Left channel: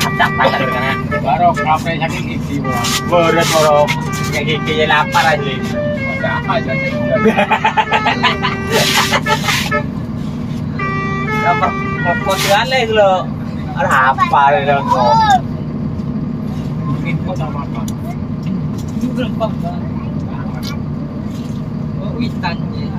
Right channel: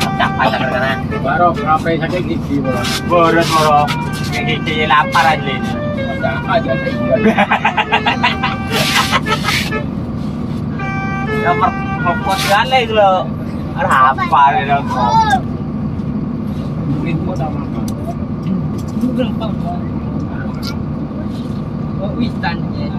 capek karena baru kafe sakit gigi bro. boros boro kayak gigi lapar aja ini. Ada aja deh. Nomor pokok segala itu loh. Ada apa itu kok? Mungkin mau sama apa? Itu gampang banget. Oh, witan ya.